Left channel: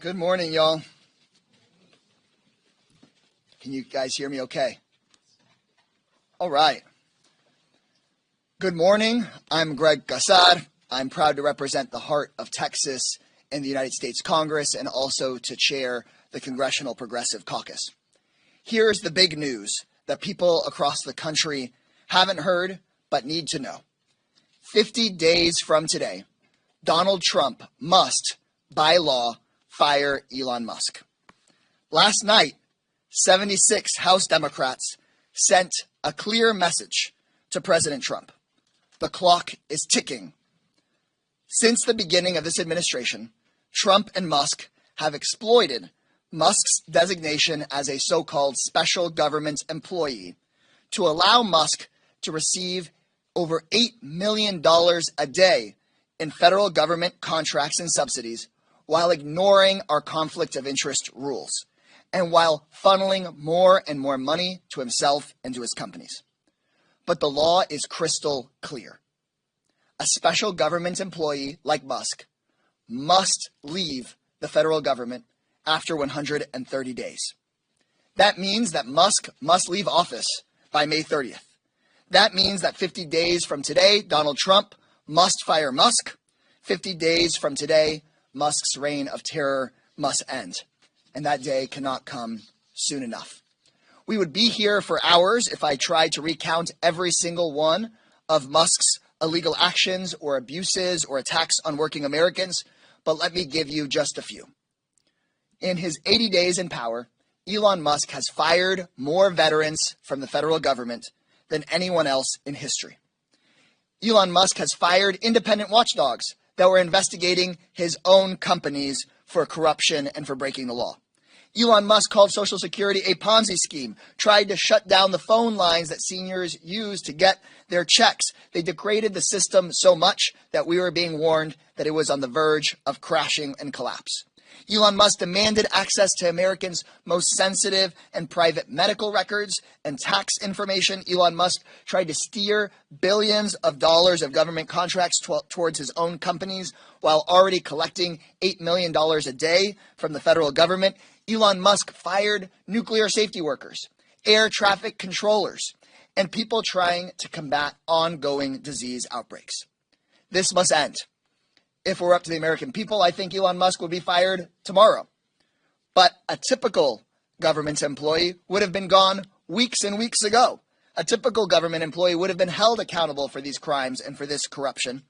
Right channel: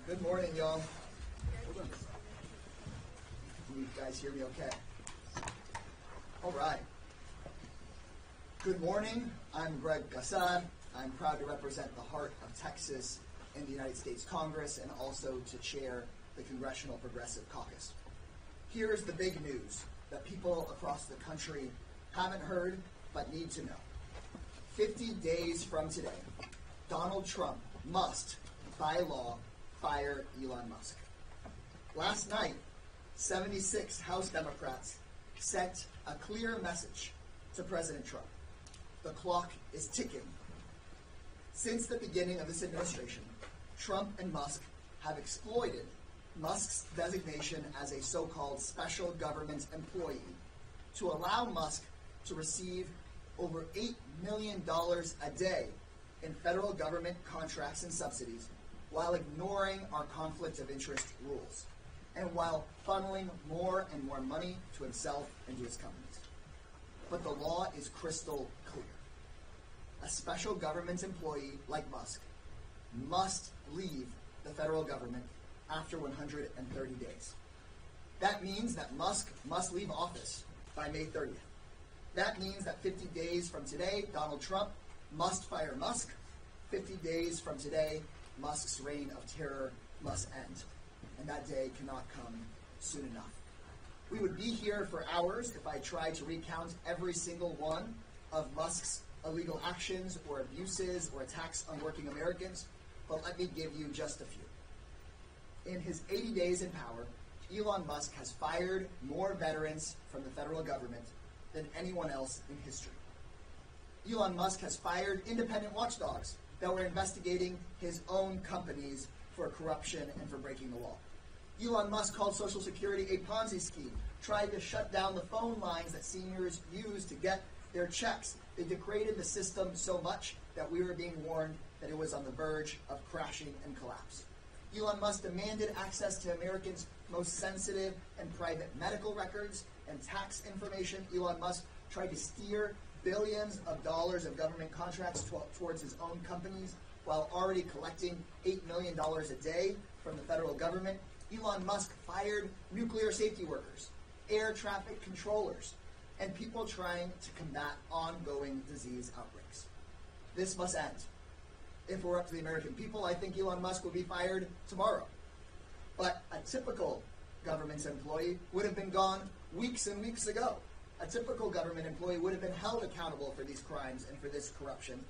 Good morning, y'all. Can you guys hear me okay? All right. Good morning. I'm Greg Gassad. I'm proud to represent the heart of Texas in the United States Congress and also to chair the Congressional Progressive Caucus. Here's the big news that people across the country haven't heard but need to know. 50 days from today, Donald Trump must, by law, fire Elon Musk. Last night, 76 House Democrats sent a clear message to President Trump. The clock is ticking. Since the beginning of this administration, Trump and Musk have exploited Musk's designation as a so-called special government employee to allow Musk to receive over $8 million a day in federal government contracts and subsidies while ignoring our conflict of interest rules and while funneling more and more money to himself and to his companies. But the law is crystal clear. A special government employee like Musk must leave the federal government after 130 days. That means that Musk must leave office by May 30th. That means that 50 days from today, Donald Trump must fire Musk. 50 days from today, Musk's reign of terror must end. And that day cannot come soon enough. We would be here for hours if I tried to recount every single one of Musk's illegal actions or abuses or attacks on working Americans, but let me give you just a few. In his 80 days in power, Elon Musk has fired more veterans from the federal government than anyone else in history. Elon Musk has fired independent watchdogs that were investigating his own companies for corruption and for breaking the law. Elon Musk called Social Security a Ponzi scheme, tried to shut down the phone lines that seniors use to get their checks. They degraded the system so much that we were being warned that it was on the verge of crashing and collapse. Elon Musk demanded access to Americans' most sensitive and private medical records and tax information. Elon Musk tried to steer billions of dollars of government contracts towards his own companies while already collecting $8 million a day from the federal government. Elon Musk fired nuclear safety workers, air traffic controllers, and people trying to combat ongoing disease outbreaks. This must end. If it were up to the American people, I think Elon Musk would be fired tomorrow. But a typical government employee would have been gone weeks and weeks ago. A typical government employee would have been held accountable for these crimes and for this corruption.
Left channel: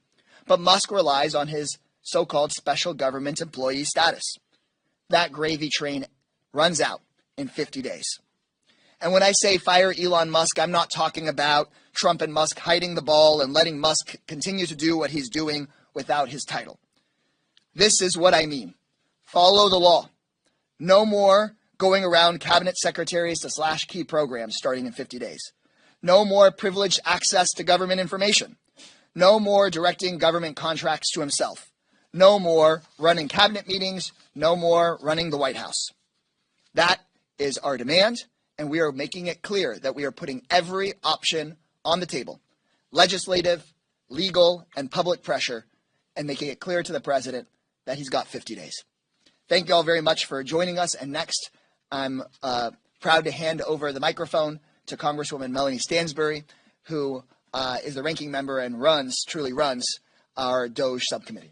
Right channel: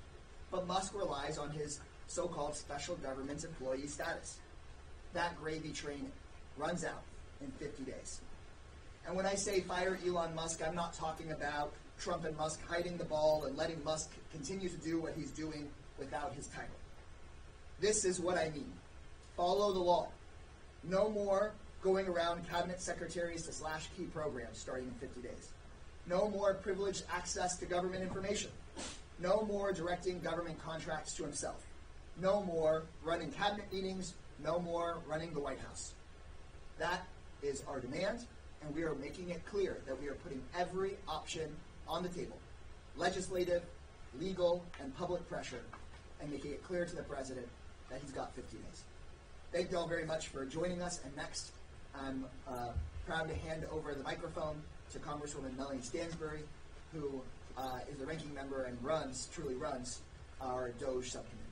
But Musk relies on his so-called special government employee status. That gravy train runs out in 50 days. And when I say fire Elon Musk, I'm not talking about Trump and Musk hiding the ball and letting Musk continue to do what he's doing without his title. This is what I mean. Follow the law. No more going around cabinet secretaries to slash key programs starting in 50 days. No more privileged access to government information. No more directing government contracts to himself. No more running cabinet meetings. No more running the White House. That is our demand, and we are making it clear that we are putting every option on the table, legislative, legal, and public pressure, and making it clear to the president that he's got 50 days. Thank you all very much for joining us. And next, I'm proud to hand over the microphone to Congresswoman Melanie Stansbury, who is the ranking member and truly runs our DOGE subcommittee.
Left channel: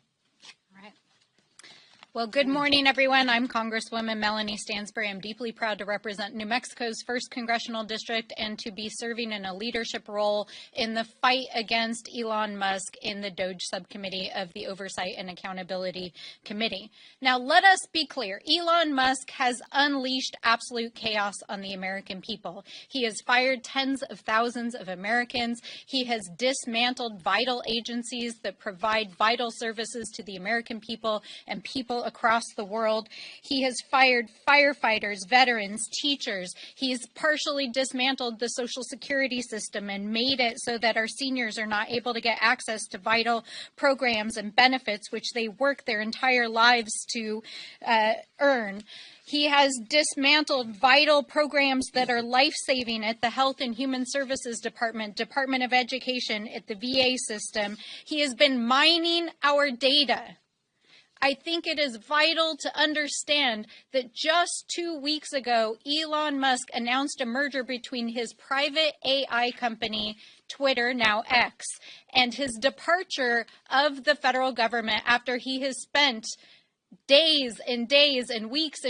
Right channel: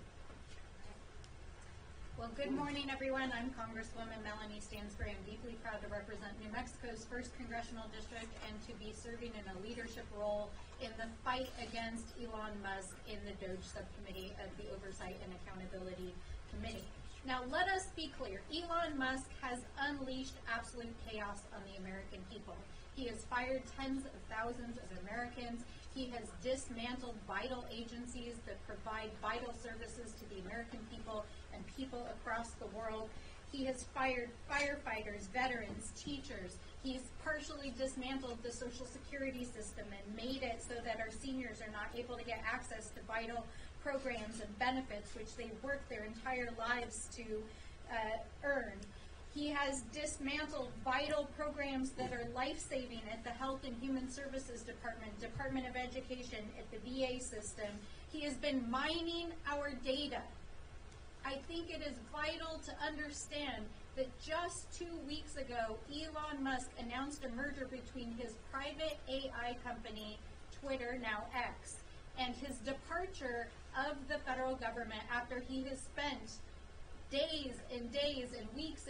Well, good morning, everyone. I'm Congresswoman Melanie Stansbury. I'm deeply proud to represent New Mexico's 1st Congressional District and to be serving in a leadership role in the fight against Elon Musk in the DOGE subcommittee of the Oversight and Accountability Committee. Now, let us be clear. Elon Musk has unleashed absolute chaos on the American people. He has fired tens of thousands of Americans. He has dismantled vital agencies that provide vital services to the American people and people across the world. He has fired firefighters, veterans, teachers. He's partially dismantled the Social Security system and made it so that our seniors are not able to get access to vital programs and benefits which they work their entire lives to earn. He has dismantled vital programs that are life-saving at the Health and Human Services Department, Department of Education, at the VA system. He has been mining our data I think it is vital to understand that just 2 weeks ago, Elon Musk announced a merger between his private AI company, Twitter, now X, and his departure of the federal government after he has spent days and days and weeks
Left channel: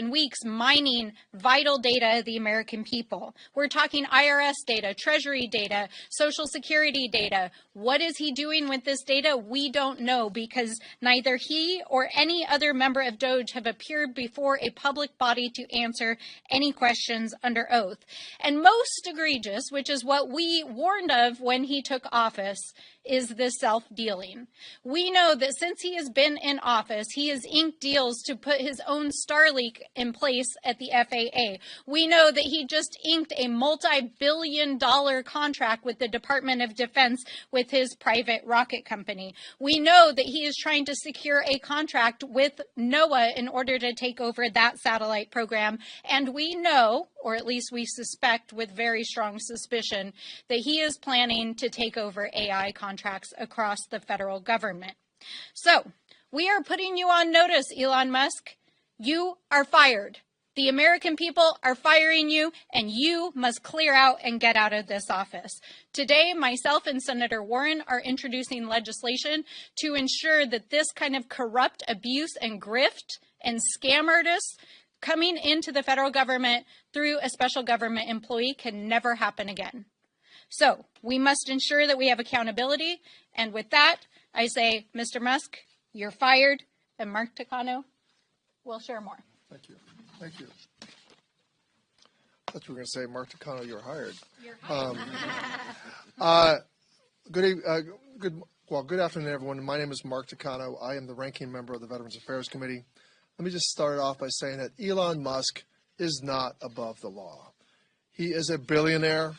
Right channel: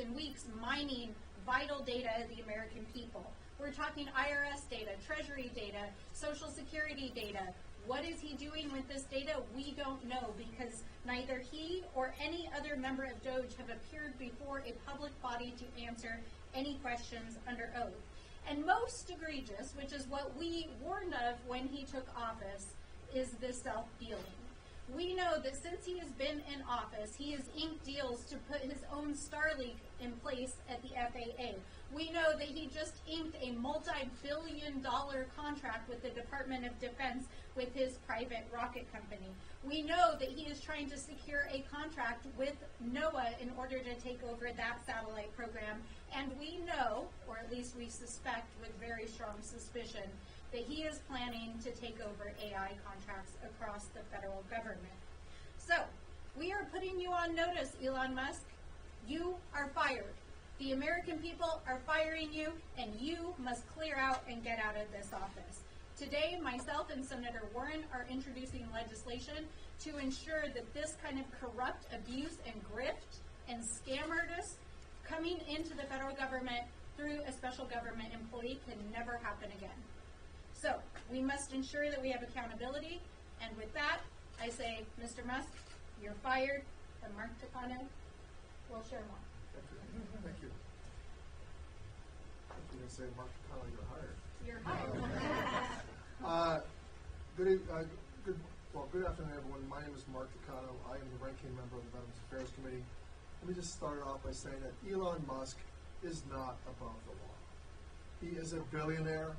mining vital data of the American people. We're talking IRS data, Treasury data, Social Security data. What is he doing with this data? We don't know, because neither he or any other member of DOGE have appeared before a public body to answer any questions under oath. And most egregious, which is what we warned of when he took office, is this self-dealing. We know that since he has been in office, he has inked deals to put his own Starlink in place at the FAA. We know that he just inked a multi-billion-dollar contract with the Department of Defense with his private rocket company. We know that he is trying to secure a contract with NOAA in order to take over that satellite program. And we know, or at least we suspect with very strong suspicion, that he is planning to take over AI contracts across the federal government. So, we are putting you on notice, Elon Musk. You are fired. The American people are firing you, and you must clear out and get out of this office. Today, myself and Senator Warren are introducing legislation to ensure that this kind of corrupt abuse and grift and scam artists coming into the federal government through a special government employee can never happen again. So we must ensure that we have accountability. And with that, I say, Mr. Musk, you're fired, and Mark Takano will share more. Thank you. Thank you. I thought you were going to say, Mark Takano, you're hired. Good afternoon, everyone. My name is Mark Takano. I am the ranking member of the Veterans Affairs Committee. Let me just start off by saying that Elon Musk is not above the law. He is a billionaire,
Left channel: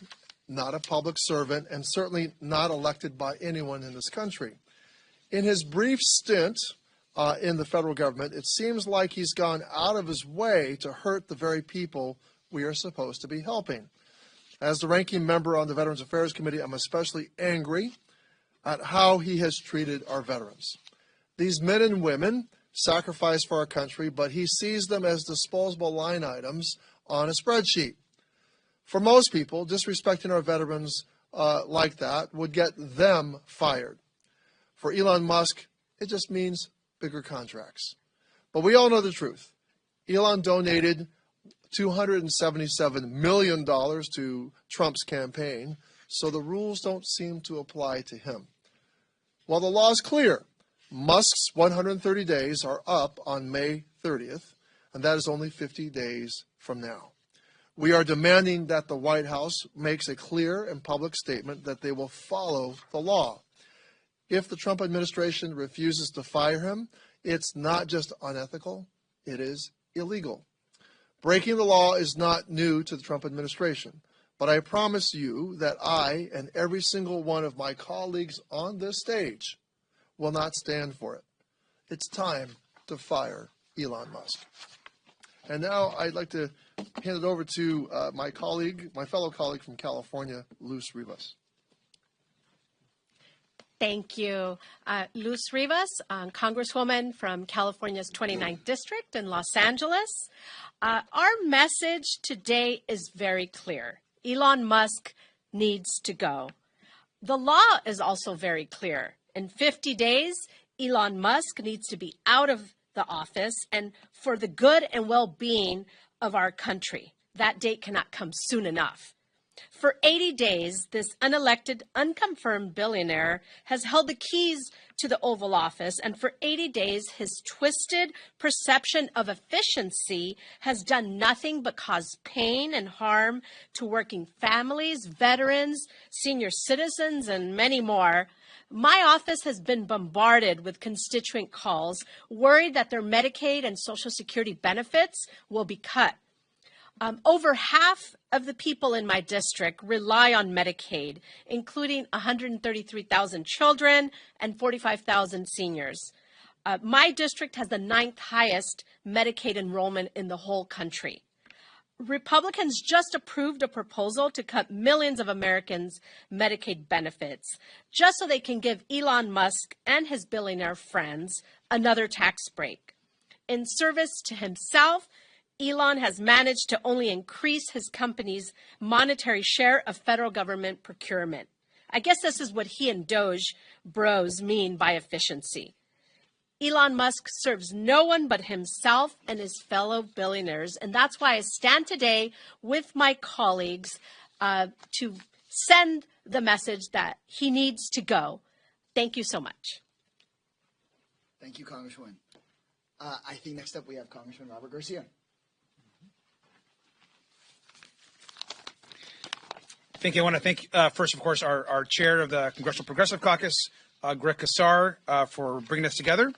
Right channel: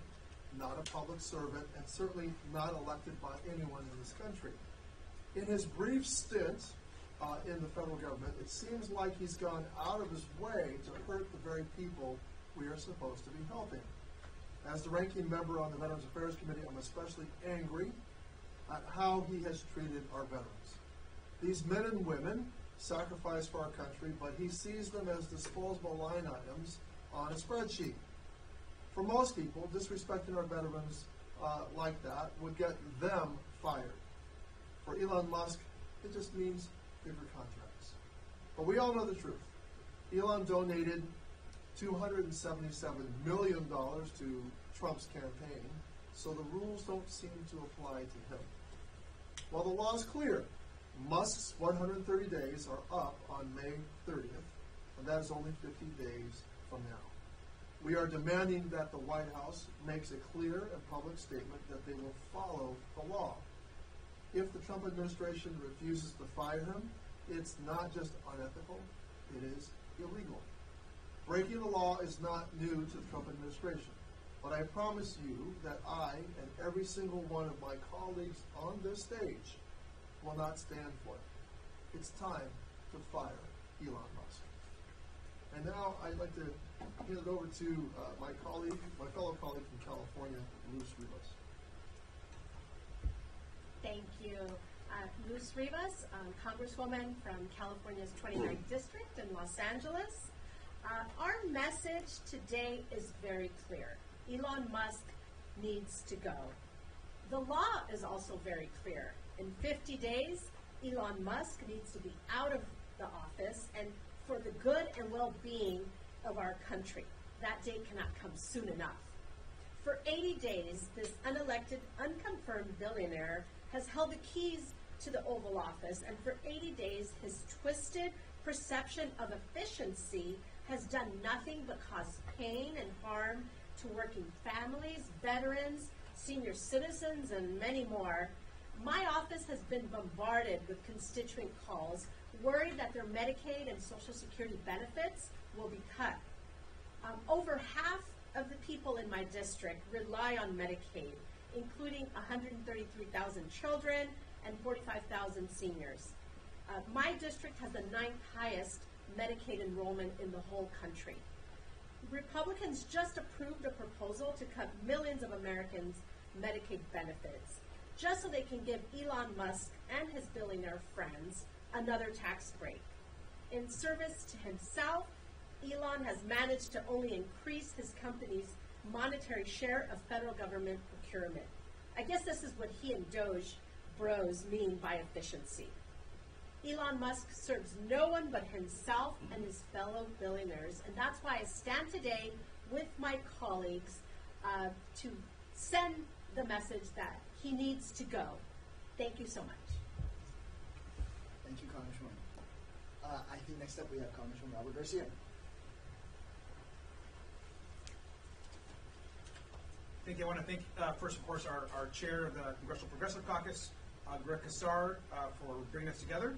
not a public servant, and certainly not elected by anyone in this country. In his brief stint in the federal government, it seems like he's gone out of his way to hurt the very people we are supposed to be helping. As the ranking member on the Veterans Affairs Committee, I'm especially angry at how he has treated our veterans. These men and women sacrifice for our country, but he sees them as disposable line items on a spreadsheet. For most people, disrespecting our veterans like that would get them fired. For Elon Musk, it just means bigger contracts. But we all know the truth. Elon donated $277 million to Trump's campaign, so the rules don't seem to apply to him. While the law is clear, Musk's 130 days are up on May 30th, and that is only 50 days from now. We are demanding that the White House makes a clear and public statement that they will follow the law. If the Trump administration refuses to fire him, it's not just unethical, it is illegal. Breaking the law is not new to the Trump administration, but I promise you that I and every single one of my colleagues on this stage will not stand for it. It's time to fire Elon Musk. And now I'd like to hand it over to my fellow colleague from California, Luz Rivas. Thank you. Luz Rivas, Congresswoman from California's 29th District in Los Angeles. Our message today is very clear. Elon Musk needs to go. The law is also very clear. In 50 days, Elon Musk needs to be out of the office and for the good and well-being of our country. That date cannot come soon enough. For 80 days, this unelected, unconfirmed billionaire has held the keys to the Oval Office, and for 80 days, his twisted perception of efficiency has done nothing but cause pain and harm to working families, veterans, senior citizens, and many more. My office has been bombarded with constituent calls, worried that their Medicaid and Social Security benefits will be cut. Over half of the people in my district rely on Medicaid, including 133,000 children and 45,000 seniors. My district has the 9th highest Medicaid enrollment in the whole country. Republicans just approved a proposal to cut millions of Americans' Medicaid benefits, just so they can give Elon Musk and his billionaire friends another tax break. In service to himself, Elon has managed to only increase his company's monetary share of federal government procurement. I guess this is what he and Doge bros mean by efficiency. Elon Musk serves no one but himself and his fellow billionaires, and that's why I stand today with my colleagues to send the message that he needs to go. Thank you so much. Thank you, Congresswoman. I think next up we have Congressman Robert Garcia. Thank you. I want to thank, first, of course, our chair of the Congressional Progressive Caucus, Greg Casar, for bringing us together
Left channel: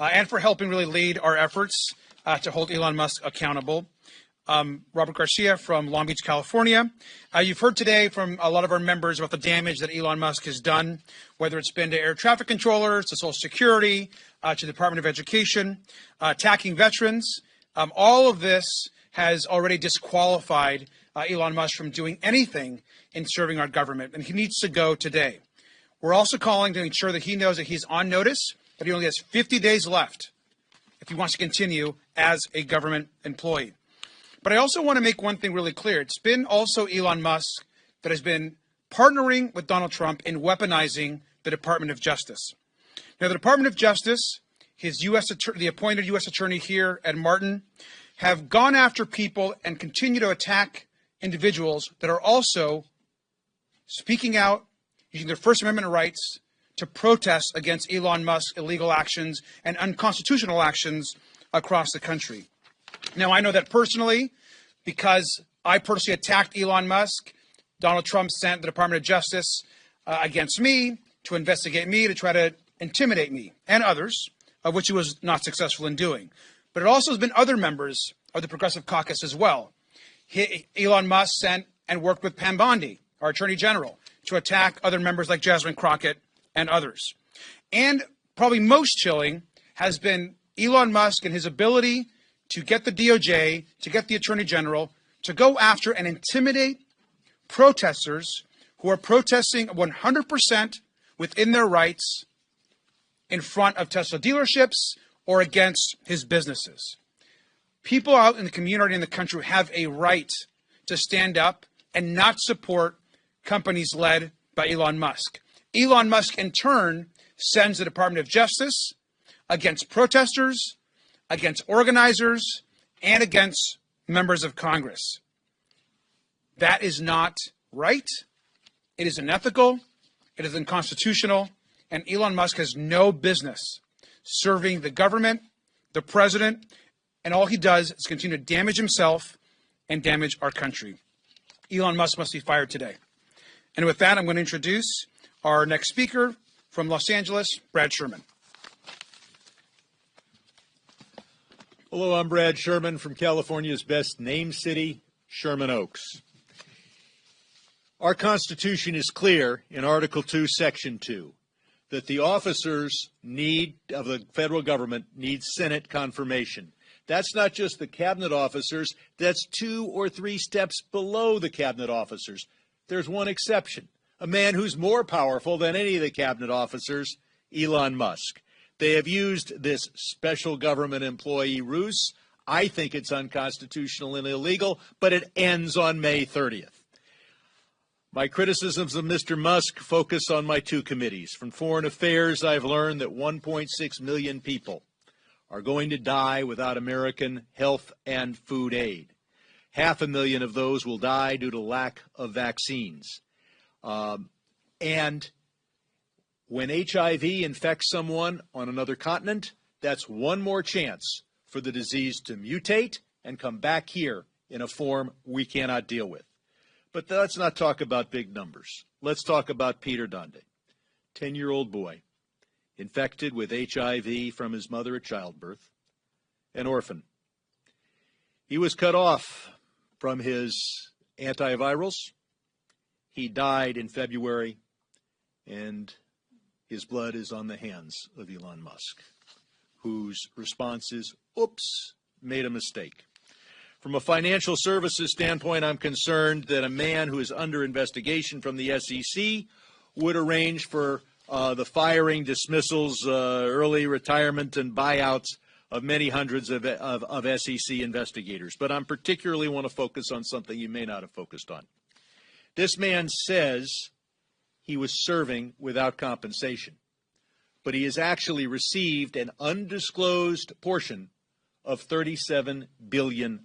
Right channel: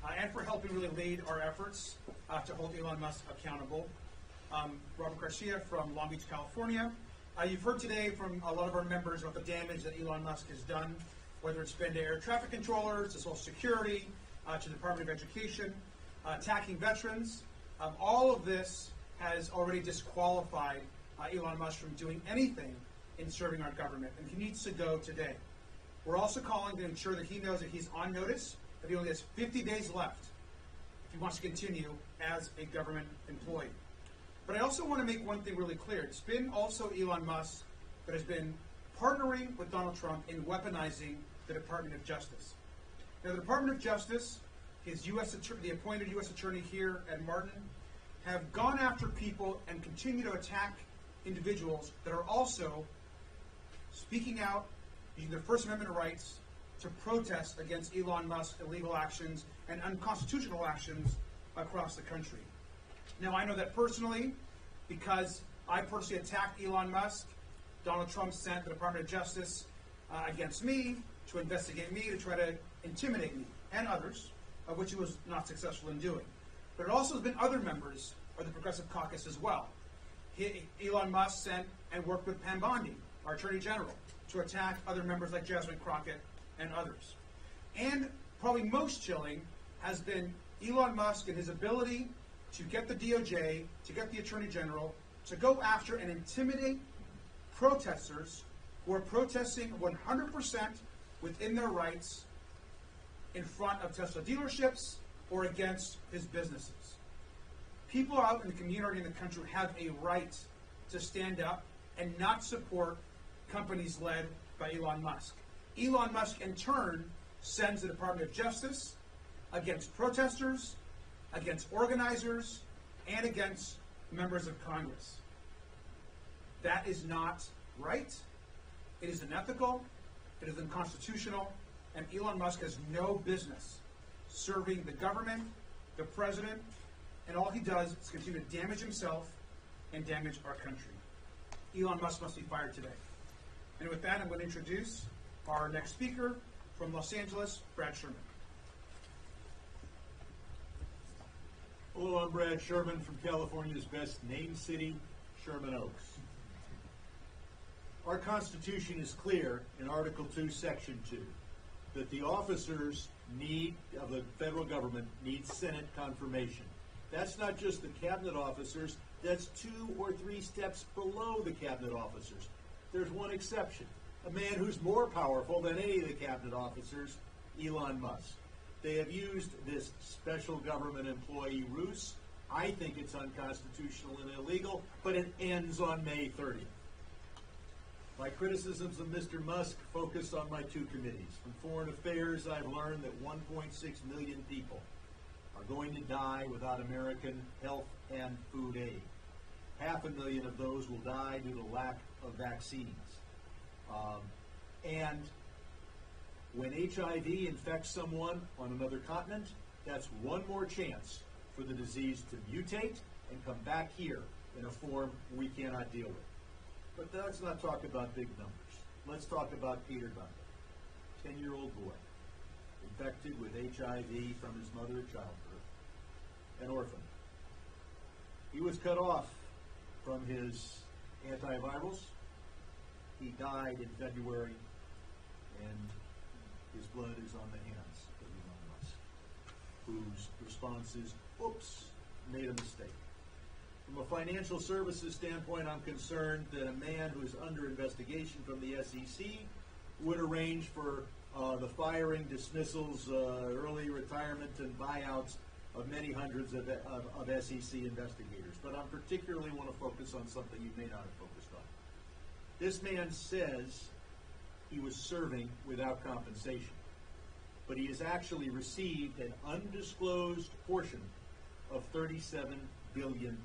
and for helping really lead our efforts to hold Elon Musk accountable. Robert Garcia from Long Beach, California. You've heard today from a lot of our members about the damage that Elon Musk has done, whether it's been to air traffic controllers, to Social Security, to the Department of Education, attacking veterans. All of this has already disqualified Elon Musk from doing anything in serving our government, and he needs to go today. We're also calling to ensure that he knows that he's on notice, that he only has 50 days left if he wants to continue as a government employee. But I also want to make one thing really clear. It's been also Elon Musk that has been partnering with Donald Trump in weaponizing the Department of Justice. Now, the Department of Justice, the appointed U.S. attorney here at Martin, have gone after people and continue to attack individuals that are also speaking out, using their First Amendment rights to protest against Elon Musk's illegal actions and unconstitutional actions across the country. Now, I know that personally, because I personally attacked Elon Musk, Donald Trump sent the Department of Justice against me to investigate me, to try to intimidate me and others, of which he was not successful in doing. But it also has been other members of the Progressive Caucus as well. Elon Musk sent and worked with Pam Bondi, our Attorney General, to attack other members like Jasmine Crockett and others. And probably most chilling has been Elon Musk and his ability to get the DOJ, to get the Attorney General, to go after and intimidate protesters who are protesting 100% within their rights in front of Tesla dealerships or against his businesses. People out in the community and the country have a right to stand up and not support companies led by Elon Musk. Elon Musk, in turn, sends the Department of Justice against protesters, against organizers, and against members of Congress. That is not right. It is unethical. It is unconstitutional. And Elon Musk has no business serving the government, the president, and all he does is continue to damage himself and damage our country. Elon Musk must be fired today. And with that, I'm going to introduce our next speaker from Los Angeles, Brad Sherman. Hello, I'm Brad Sherman from California's best named city, Sherman Oaks. Our Constitution is clear in Article 2, Section 2, that the officers of the federal government need Senate confirmation. That's not just the cabinet officers, that's 2 or 3 steps below the cabinet officers. There's one exception, a man who's more powerful than any of the cabinet officers, Elon Musk. They have used this special government employee ruse. I think it's unconstitutional and illegal, but it ends on May 30th. My criticisms of Mr. Musk focus on my 2 committees. From Foreign Affairs, I've learned that 1.6 million people are going to die without American health and food aid. 500,000 of those will die due to lack of vaccines. And when HIV infects someone on another continent, that's one more chance for the disease to mutate and come back here in a form we cannot deal with. But let's not talk about big numbers. Let's talk about Peter Dunde, 10-year-old boy, infected with HIV from his mother at childbirth, an orphan. He was cut off from his antivirals. He died in February, and his blood is on the hands of Elon Musk, whose response is, oops, made a mistake. From a financial services standpoint, I'm concerned that a man who is under investigation from the SEC would arrange for the firing, dismissals, early retirement, and buyouts of many hundreds of SEC investigators. But I particularly want to focus on something you may not have focused on. This man says he was serving without compensation, but he has actually received an undisclosed portion of $37 billion.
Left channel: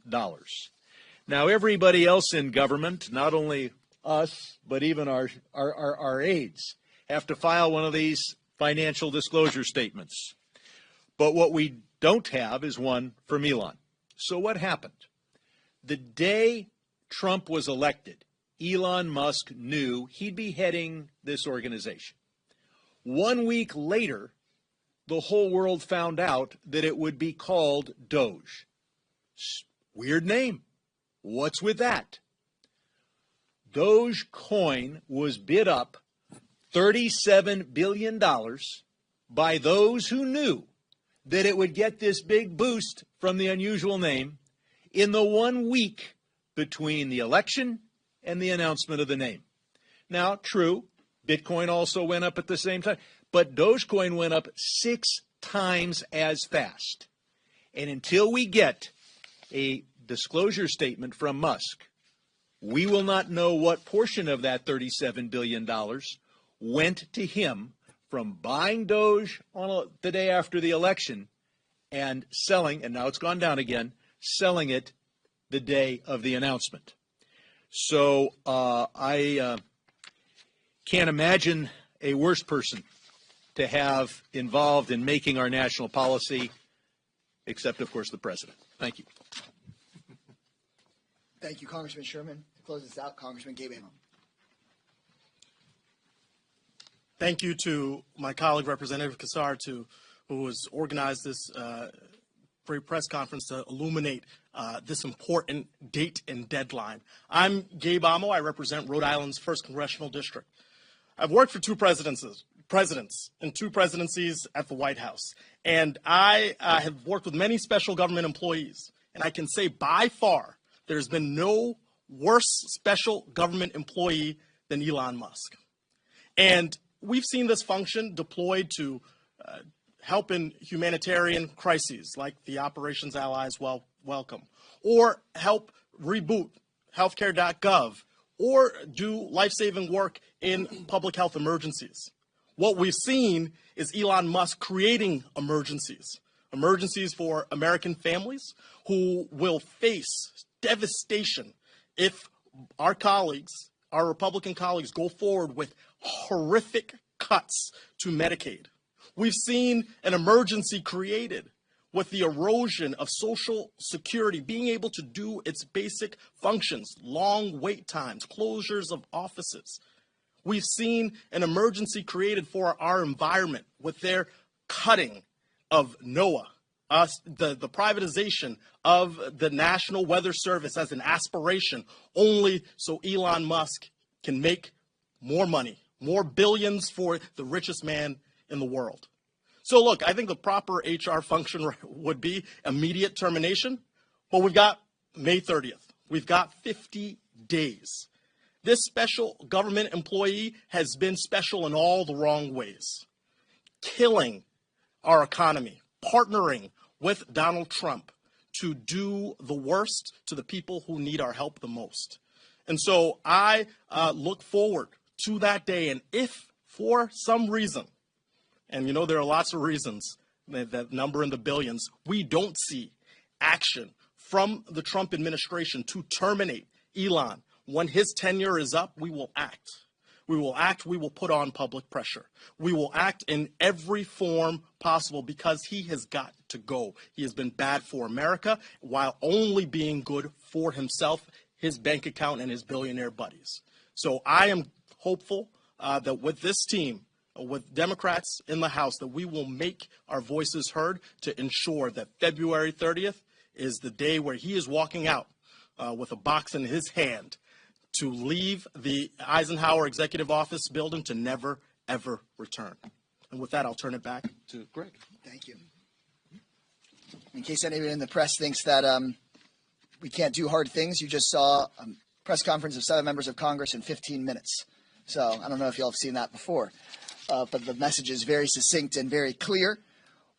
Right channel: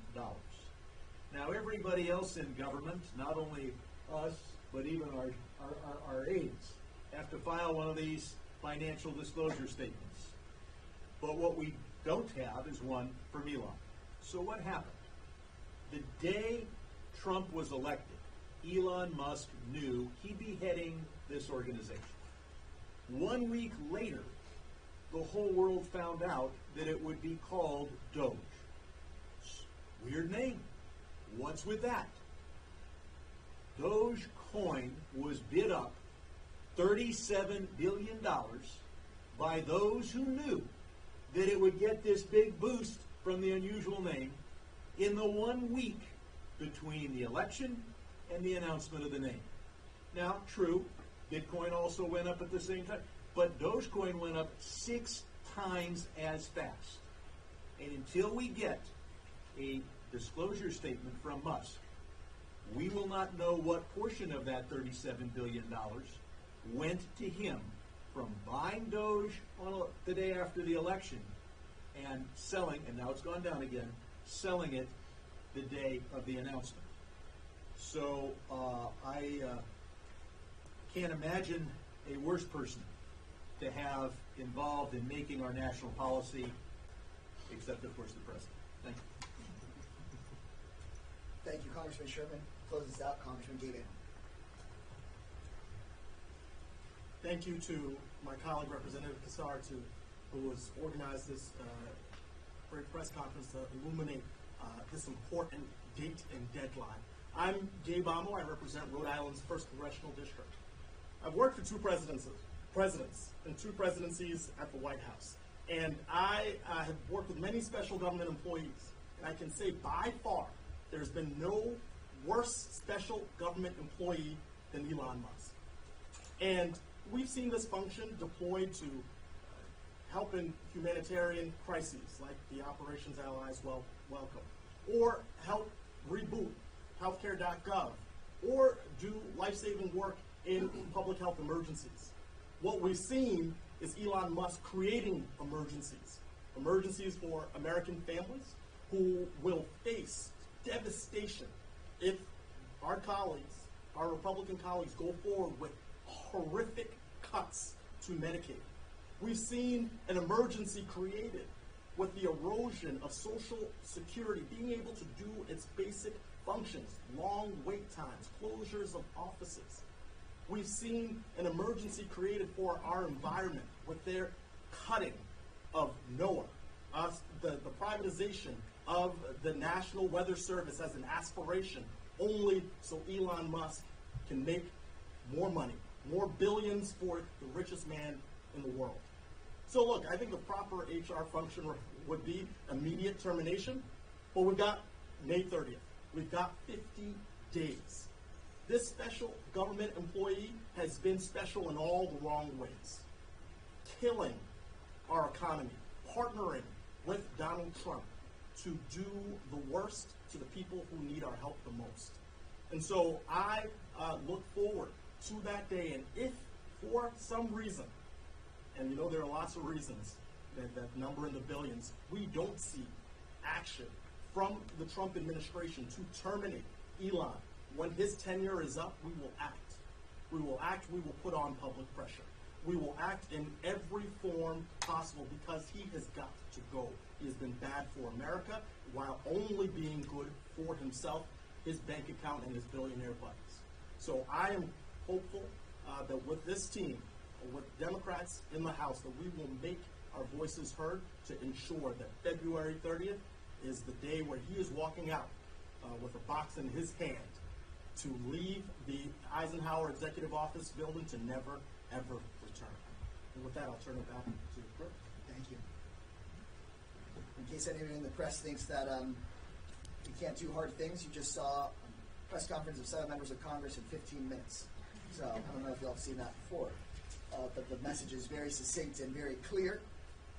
Now, everybody else in government, not only us, but even our aides, have to file one of these financial disclosure statements. But what we don't have is one from Elon. So what happened? The day Trump was elected, Elon Musk knew he'd be heading this organization. 1 week later, the whole world found out that it would be called Doge. Weird name. What's with that? Dogecoin was bid up $37 billion by those who knew that it would get this big boost from the unusual name in the 1 week between the election and the announcement of the name. Now, true, Bitcoin also went up at the same time, but Dogecoin went up 6 times as fast. And until we get a disclosure statement from Musk, we will not know what portion of that $37 billion went to him from buying Doge on the day after the election and selling, and now it's gone down again, selling it the day of the announcement. So I can't imagine a worse person to have involved in making our national policy, except, of course, the president. Thank you. Thank you, Congressman Sherman. Close this out, Congressman Gabe. Thank you to my colleague, Representative Kassar, who has organized this great press conference to illuminate this important date and deadline. I'm Gabe Amo. I represent Rhode Island's 1st Congressional District. I've worked for 2 presidents and 2 presidencies at the White House. And I have worked with many special government employees. And I can say by far there's been no worse special government employee than Elon Musk. And we've seen this function deployed to help in humanitarian crises like the Operations Allies Welcome, or help reboot healthcare.gov, or do life-saving work in public health emergencies. What we've seen is Elon Musk creating emergencies for American families who will face devastation if our colleagues, our Republican colleagues, go forward with horrific cuts to Medicaid. We've seen an emergency created with the erosion of Social Security being able to do its basic functions, long wait times, closures of offices. We've seen an emergency created for our environment with their cutting of NOAA, the privatization of the National Weather Service as an aspiration, only so Elon Musk can make more money, more billions for the richest man in the world. So look, I think the proper HR function would be immediate termination, but we've got May 30th. We've got 50 days. This special government employee has been special in all the wrong ways, killing our economy, partnering with Donald Trump to do the worst to the people who need our help the most. And so I look forward to that day, and if for some reason, and you know there are lots of reasons, that number in the billions, we don't see action from the Trump administration to terminate Elon, when his tenure is up, we will act. We will act, we will put on public pressure. We will act in every form possible because he has got to go. He has been bad for America while only being good for himself, his bank account, and his billionaire buddies. So I am hopeful that with this team, with Democrats in the House, that we will make our voices heard to ensure that February 30th is the day where he is walking out with a box in his hand to leave the Eisenhower Executive Office building to never, ever return. And with that, I'll turn it back to Greg. Thank you. In case anybody in the press thinks that we can't do hard things, you just saw a press conference of 7 members of Congress in 15 minutes. So I don't know if you all have seen that before. but the message is very succinct and very clear.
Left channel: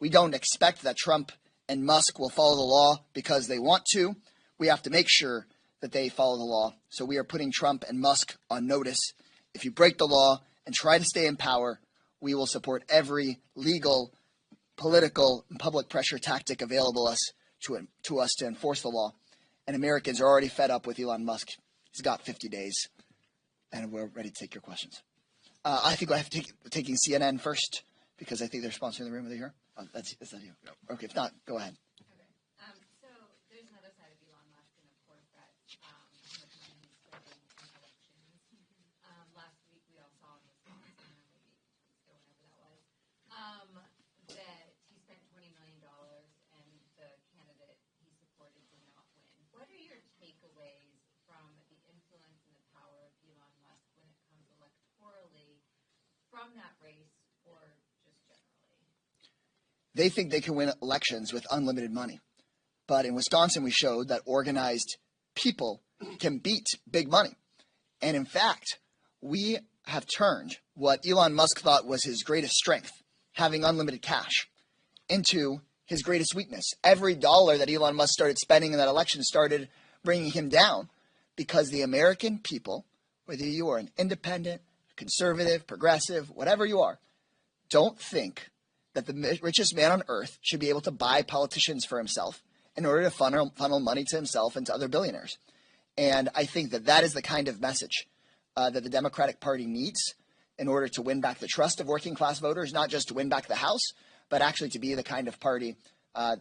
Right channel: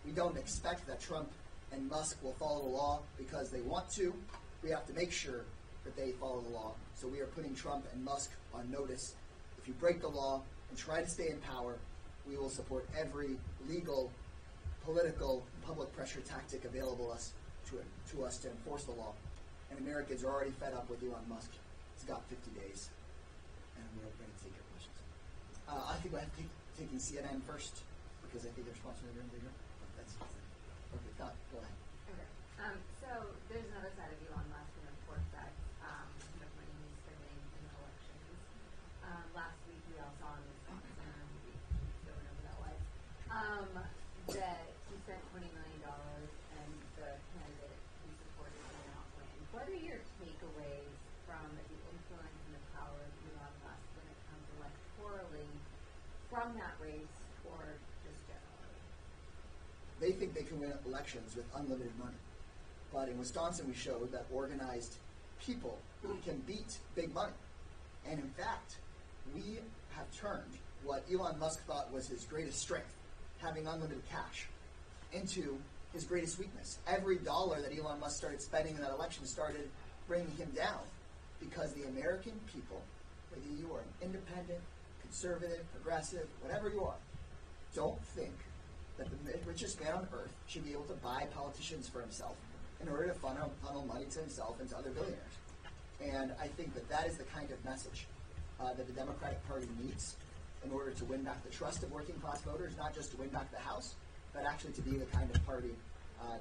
We don't expect that Trump and Musk will follow the law because they want to. We have to make sure that they follow the law. So we are putting Trump and Musk on notice. If you break the law and try to stay in power, we will support every legal, political, and public pressure tactic available to us to enforce the law. And Americans are already fed up with Elon Musk. He's got 50 days, and we're ready to take your questions. I think I have to taking CNN first because I think they're sponsoring the room. Are they here? Oh, is that you? No. Okay, if not, go ahead. Okay. So there's another side of Elon Musk, and of course that how much money he's spending in elections. Last week we all saw in Wisconsin, whatever that was, that he spent $20 million and the candidate he supported did not win. What are your takeaways from the influence and the power of Elon Musk when it comes electorally from that race or just generally? They think they can win elections with unlimited money. But in Wisconsin, we showed that organized people can beat big money. And in fact, we have turned what Elon Musk thought was his greatest strength, having unlimited cash, into his greatest weakness. Every dollar that Elon Musk started spending in that election started bringing him down because the American people, whether you are an independent, conservative, progressive, whatever you are, don't think that the richest man on earth should be able to buy politicians for himself in order to funnel money to himself and to other billionaires. And I think that that is the kind of message that the Democratic Party needs in order to win back the trust of working class voters, not just to win back the House, but actually to be the kind of party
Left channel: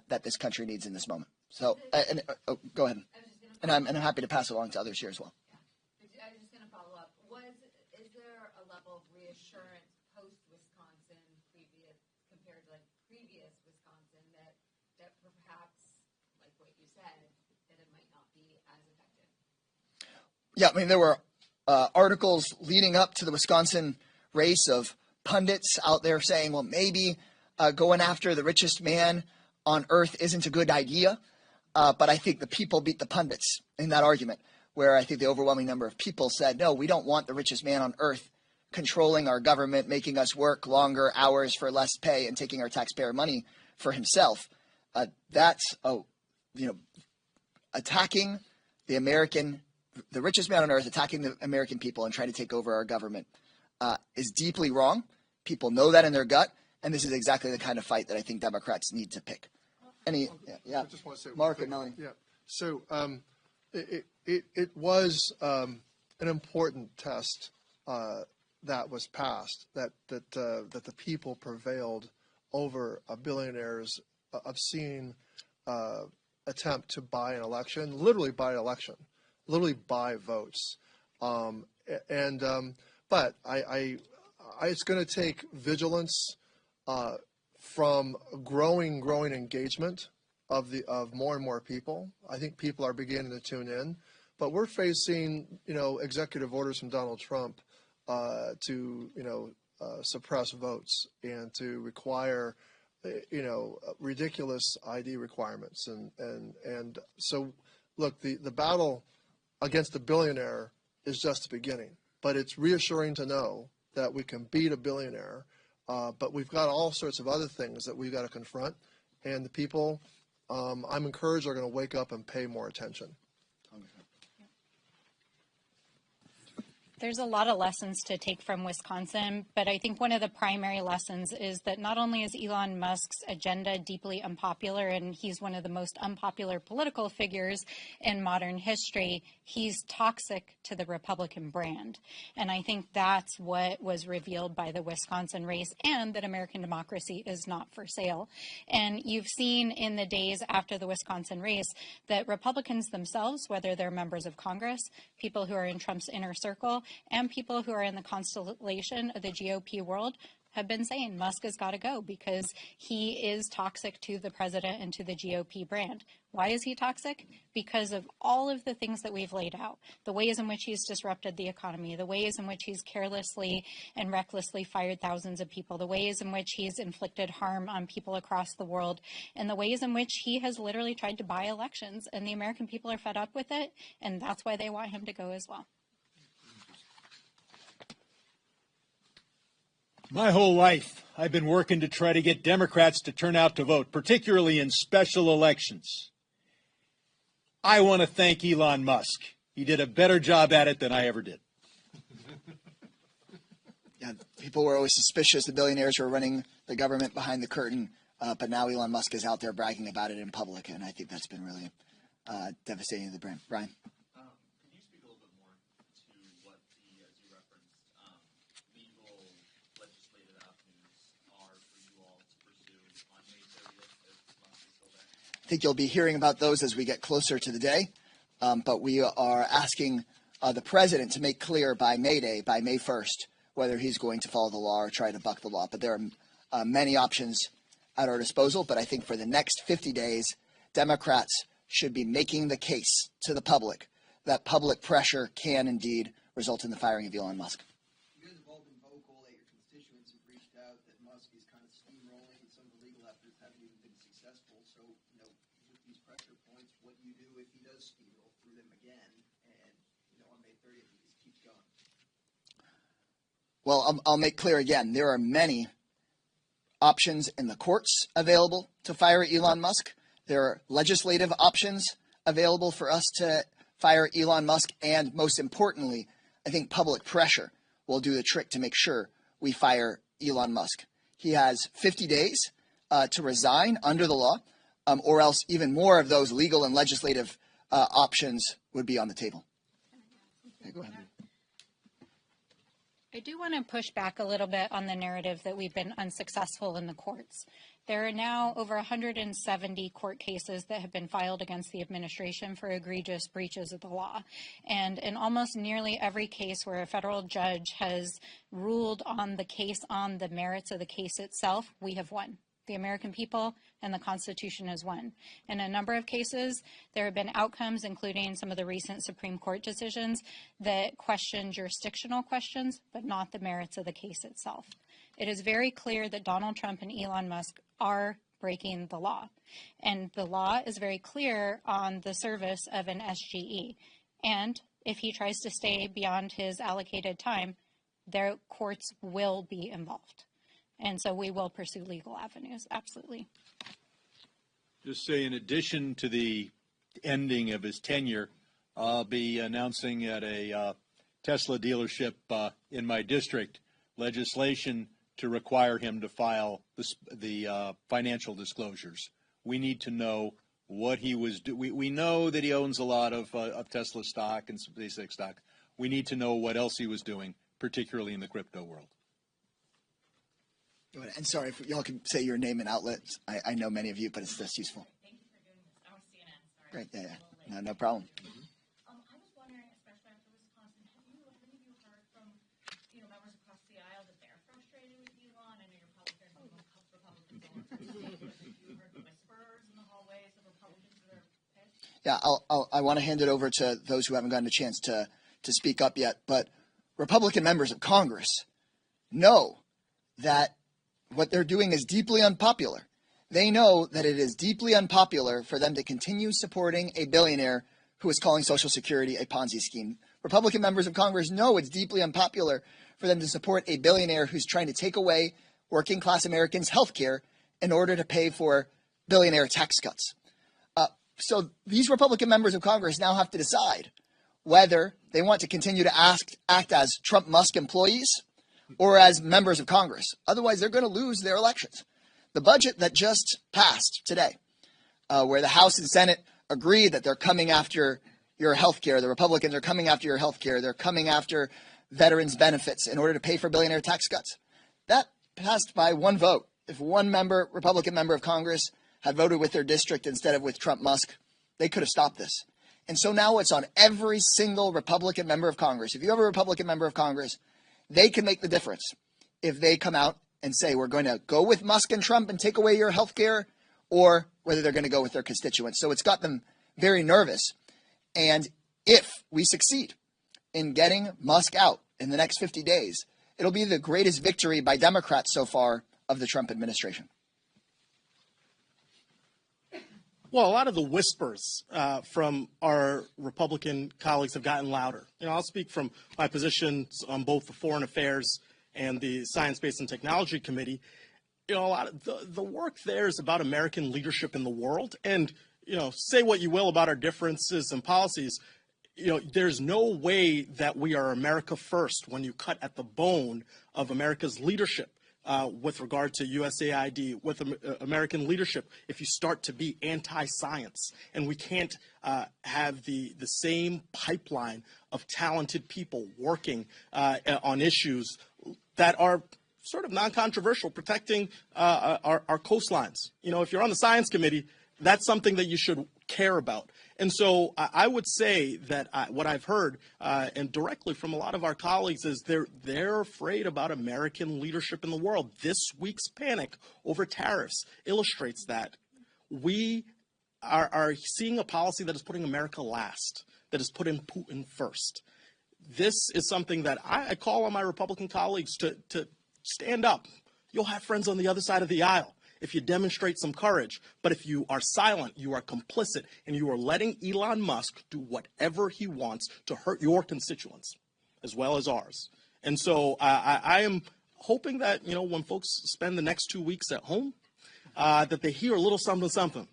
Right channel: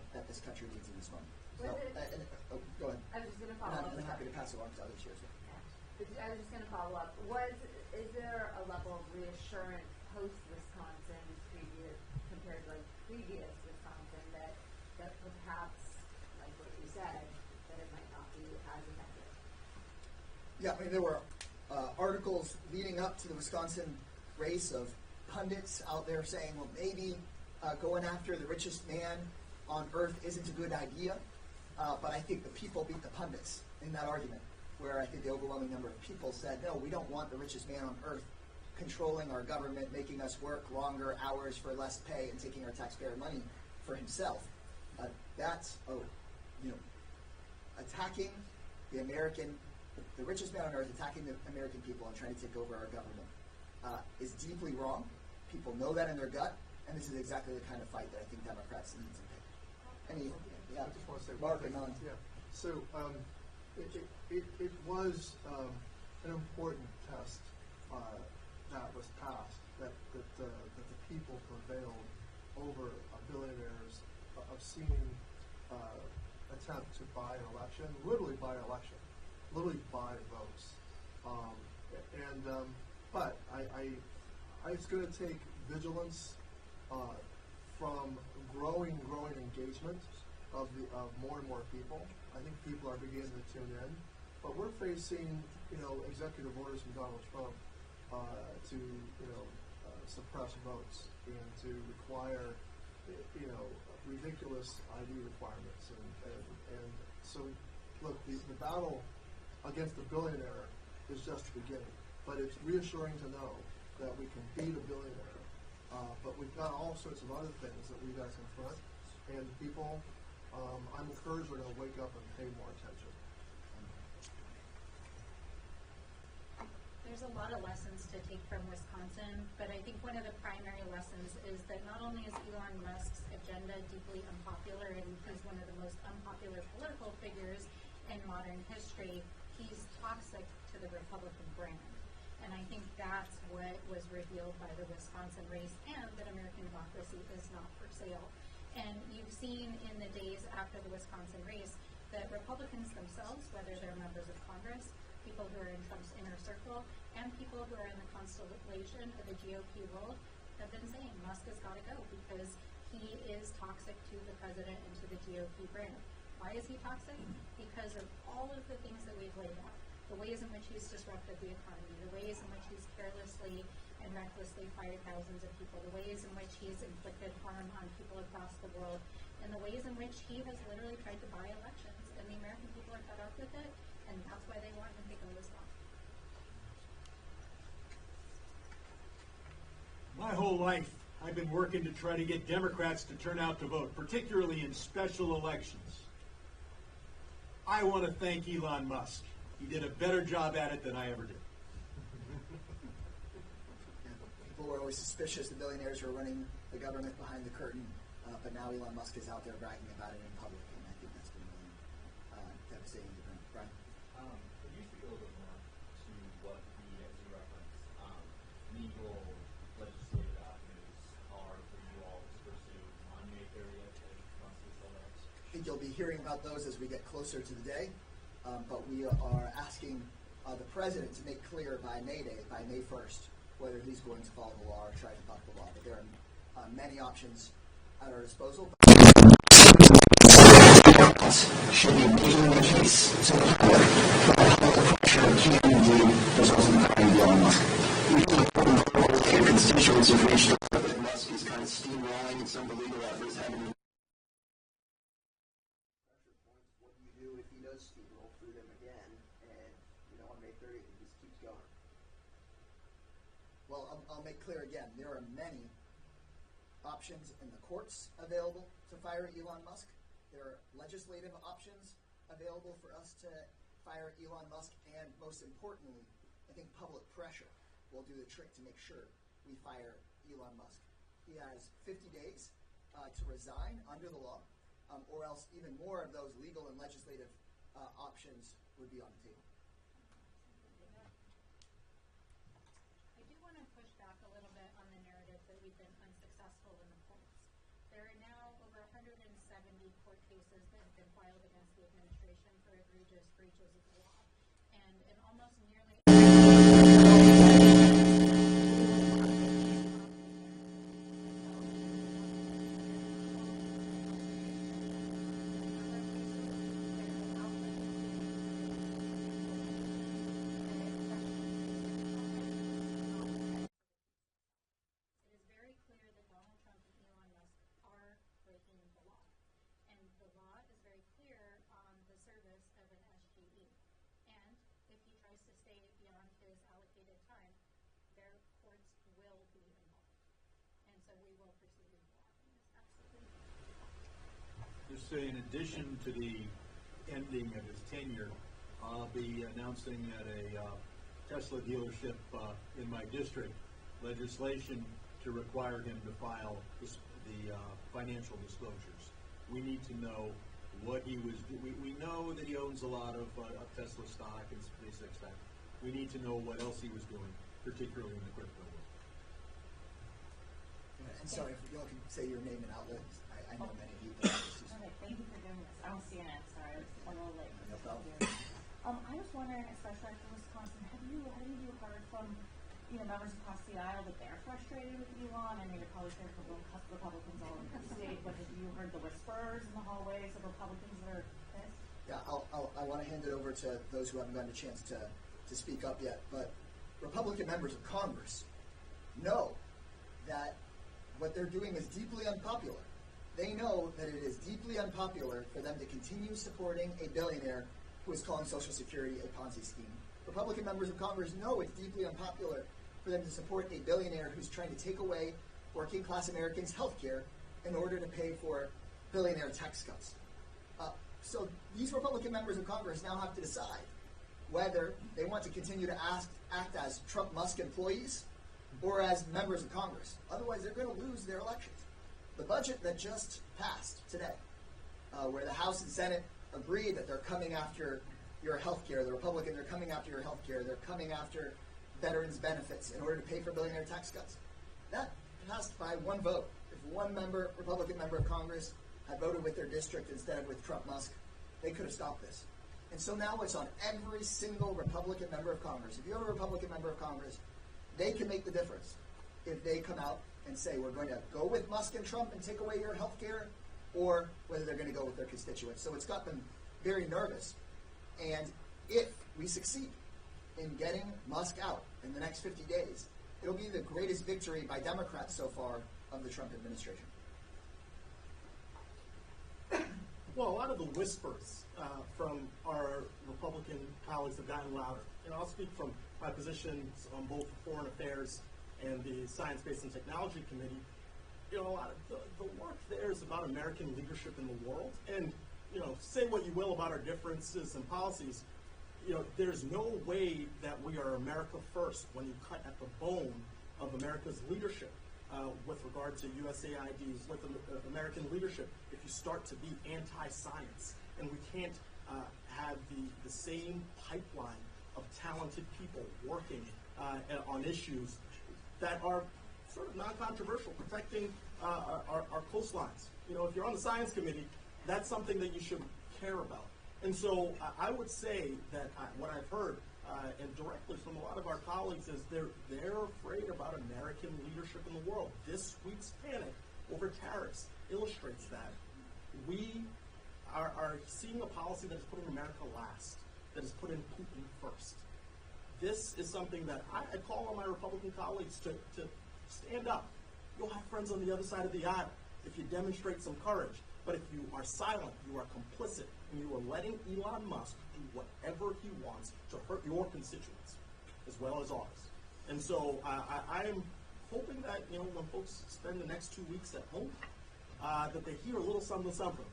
that this country needs in this moment. So, go ahead. And I'm happy to pass it along to others here as well. But I was just going to follow up. Is there a level of reassurance post-Wisconsin compared to previous Wisconsin that perhaps, like what you said, that it might not be as effective? Yeah, I mean, there were articles leading up to the Wisconsin race of pundits out there saying, well, maybe going after the richest man on earth isn't a good idea. But I think the people beat the pundits in that argument, where I think the overwhelming number of people said, no, we don't want the richest man on earth controlling our government, making us work longer hours for less pay, and taking our taxpayer money for himself. That's attacking the richest man on earth, attacking the American people and trying to take over our government is deeply wrong. People know that in their gut, and this is exactly the kind of fight that I think Democrats need to pick. I just want to say Mark and Melanie. Yeah. So it was an important test that was passed, that the people prevailed over a billionaire's obscene attempt to buy an election, literally buy an election, literally buy votes. But it's going to take vigilance from growing engagement of more and more people. I think people are beginning to tune in, but we're facing executive orders from Donald Trump to suppress votes and to require ridiculous ID requirements and so look, the battle against the billionaire is just the beginning, but it's reassuring to know that we can beat a billionaire. But we've got all sorts of other things that we've got to confront, and the people, I'm encouraged, are going to wake up and pay more attention. There's a lot of lessons to take from Wisconsin, but I think one of the primary lessons is that not only is Elon Musk's agenda deeply unpopular, and he's one of the most unpopular political figures in modern history, he's toxic to the Republican brand. And I think that's what was revealed by the Wisconsin race, and that American democracy is not for sale. And you've seen in the days after the Wisconsin race that Republicans themselves, whether they're members of Congress, people who are in Trump's inner circle, and people who are in the constellation of the GOP world, have been saying Musk has got to go because he is toxic to the president and to the GOP brand. Why is he toxic? Because of all of the things that we've laid out, the ways in which he's disrupted the economy, the ways in which he's carelessly and recklessly fired thousands of people, the ways in which he's inflicted harm on people across the world, and the ways in which he has literally tried to buy elections. And the American people are fed up with it, and that's why they want him to go as well. My whole life, I've been working to try to get Democrats to turn out to vote, particularly in special elections. I want to thank Elon Musk. He did a better job at it than I ever did. Yeah, people were always suspicious the billionaires were running the government behind the curtain, but now Elon Musk is out there bragging about it in public, and I think that's been really devastating to the brand. Brian? Could you speak a little bit more to what the, as you referenced, legal legislative avenues are for you all to pursue on May 30th as Musk is still there? I think you'll be hearing about those as we get closer to the day, but we are asking the president to make clear by May Day, by May 1st, whether he's going to follow the law or try to buck the law. But there are many options at our disposal, but I think for the next 7 days, Democrats should be making the case to the public that public pressure can indeed result in firing Elon Musk. Your constituents have reached out, but Musk is kind of steamrolling, and some of the legal efforts haven't been successful. So, with these pressure points, what do you do if he does steamroll through them again, and on May 30th, he just keeps going? Well, I'll make clear again, there are many options in the courts available to fire Elon Musk. There are legislative options available for us to fire Elon Musk, and most importantly, I think public pressure will do the trick to make sure we fire Elon Musk. He has 50 days to resign under the law, or else even more of those legal and legislative options would be on the table. Okay, go ahead. I do want to push back a little bit on the narrative that we've been unsuccessful in the courts. There are now over 170 court cases that have been filed against the administration for egregious breaches of the law. And in almost nearly every case, the judge has ruled on the case, on the merits of the case itself. We have won. The American people and the Constitution has won. In a number of cases, there have been outcomes, including some of the recent Supreme Court decisions, that question jurisdictional questions, but not the merits of the case itself. It is very clear that Donald Trump and Elon Musk are breaking the law. And the law is very clear on the service of an SGE. And if he tries to stay beyond his allocated time, their courts will be involved. And so we will pursue legal avenues, absolutely. Just say, in addition to the ending of his tenure, I'll be announcing at a Tesla dealership in my district legislation to require him to file the financial disclosures. We need to know what he was doing. We know that he owns a lot of Tesla stock and SpaceX stock. We need to know what else he was doing, particularly in the crypto world. And sorry, if y'all can say your name and outlet. I know many of you, but it's just useful. Thank you for doing this. I'm with CNN, sorry. Great, yeah, It's a little late. no problem. I was wondering, especially from Wisconsin, have you heard from members across the aisle that they're frustrated with Elon? I mean, you're probably heard from Republicans all over the state, but have you heard the whispers in the hallways of Republicans that are pissed? Yeah, I want to hand it over to those who haven't gotten a chance to speak up yet. But Republican members of Congress know that what they're doing is deeply unpopular. They know that it is deeply unpopular for them to continue supporting a billionaire who is calling Social Security a Ponzi scheme. Republican members of Congress know it's deeply unpopular for them to support a billionaire who's trying to take away working class Americans' health care in order to pay for billionaire tax cuts. So these Republican members of Congress now have to decide whether they want to continue to act as Trump Musk employees or as members of Congress. Otherwise, they're going to lose their elections. The budget that just passed today, where the House and Senate agreed that they're coming after your health care, the Republicans are coming after your health care, they're coming after veterans' benefits in order to pay for billionaire tax cuts. That passed by one vote. If one Republican member of Congress had voted with their district instead of with Trump Musk, they could have stopped this. And so now it's on every single Republican member of Congress. If you have a Republican member of Congress, they can make the difference if they come out and say, we're going to go with Musk and Trump and take away your health care, or whether they're going to go with their constituents. So it's got them very nervous. And if we succeed in getting Musk out in the next 50 days, it'll be the greatest victory by Democrats so far of the Trump administration. Well, a lot of the whispers from our Republican colleagues have gotten louder. I'll speak from my positions on both the foreign affairs and the Science, Space, and Technology Committee, a lot of the work there is about American leadership in the world. And, say what you will about our differences and policies, there's no way that we are America first when you cut at the bone of America's leadership with regard to USAID, with American leadership, if you start to be anti-science. And we can't have the same pipeline of talented people working on issues that are sort of non-controversial, protecting our coastlines. If you're on the Science Committee, that's something that you should care about. And so I would say that what I've heard, and directly from a lot of our colleagues, is they're afraid about American leadership in the world. This week's panic over tariffs illustrates that. We are seeing a policy that is putting America last, that is putting Putin first. This is something that I call on my Republican colleagues to stand up. You'll have friends on the other side of the aisle if you demonstrate some courage. But if you are silent, you are complicit, and you are letting Elon Musk do whatever he wants to hurt your constituents as well as ours. And so I am hoping that, when folks spend the next 2 weeks at home, that they hear a little something, something.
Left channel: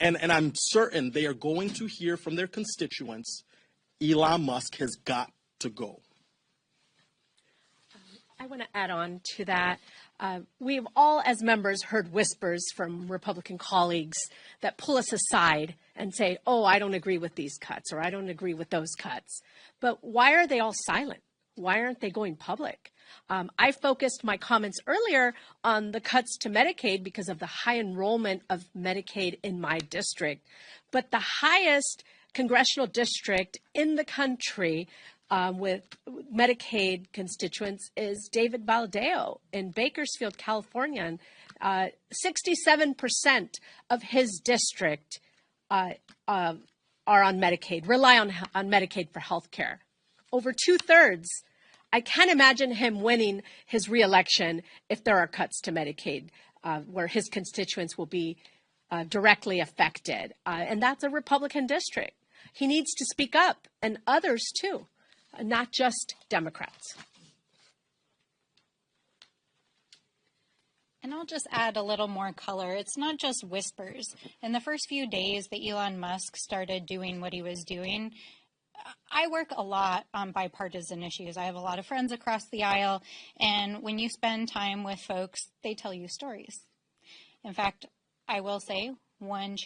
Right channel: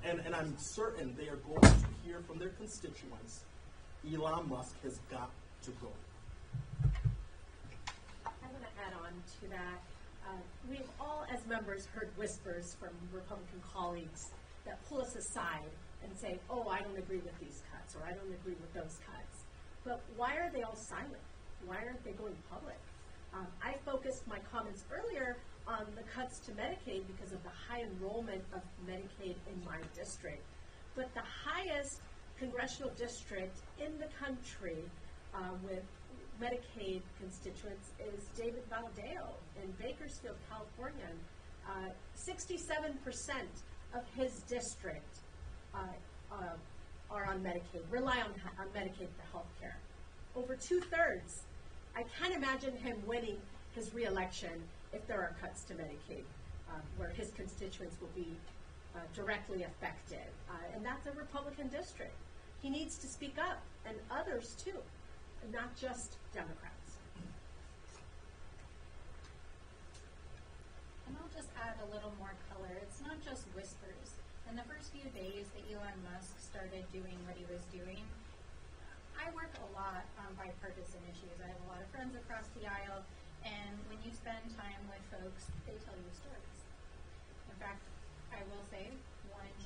And I'm certain they are going to hear from their constituents, Elon Musk has got to go. I want to add on to that. We've all, as members, heard whispers from Republican colleagues that pull us aside and say, oh, I don't agree with these cuts, or I don't agree with those cuts. But why are they all silent? Why aren't they going public? I focused my comments earlier on the cuts to Medicaid because of the high enrollment of Medicaid in my district. But the highest congressional district in the country with Medicaid constituents is David Baldeo in Bakersfield, California. And 67% of his district are on Medicaid, rely on Medicaid for health care. Over 2/3. I can't imagine him winning his reelection if there are cuts to Medicaid, where his constituents will be directly affected. And that's a Republican district. He needs to speak up, and others too, not just Democrats. And I'll just add a little more color. It's not just whispers. In the first few days that Elon Musk started doing what he was doing, I work a lot on bipartisan issues. I have a lot of friends across the aisle, and when you spend time with folks, they tell you stories. In fact, I will say one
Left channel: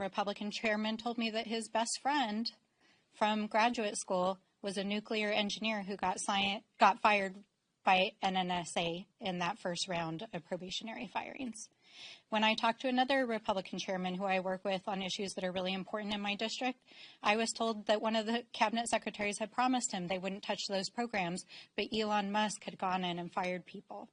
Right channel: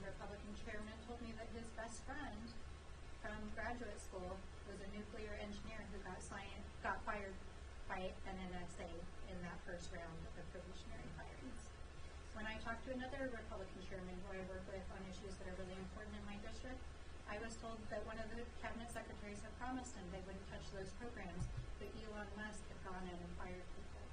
Republican chairman told me that his best friend from graduate school was a nuclear engineer who got fired by an NSA in that first round of probationary firings. When I talked to another Republican chairman who I work with on issues that are really important in my district, I was told that one of the cabinet secretaries had promised him they wouldn't touch those programs, but Elon Musk had gone in and fired people.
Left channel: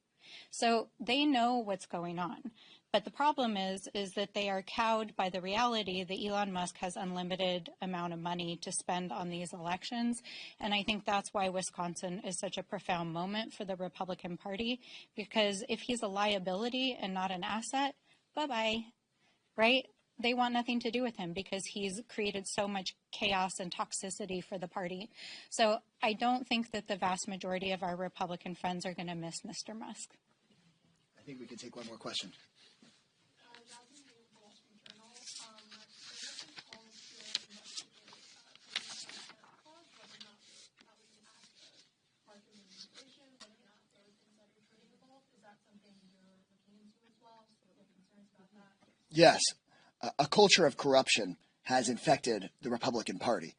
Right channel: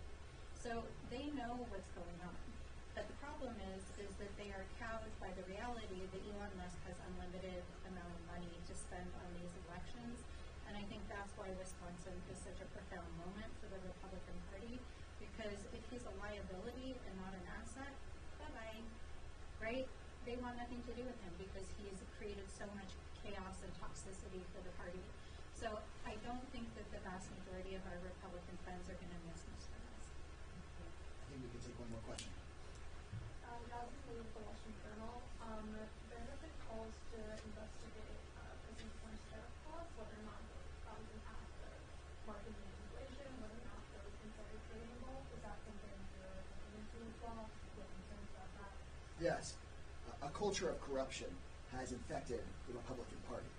So they know what's going on. But the problem is that they are cowed by the reality that Elon Musk has unlimited amount of money to spend on these elections. And I think that's why Wisconsin is such a profound moment for the Republican Party, because if he's a liability and not an asset, bye-bye, right? They want nothing to do with him because he's created so much chaos and toxicity for the party. So I don't think that the vast majority of our Republican friends are going to miss Mr. Musk. I think we can take one more question. Yes, a culture of corruption has infected the Republican Party.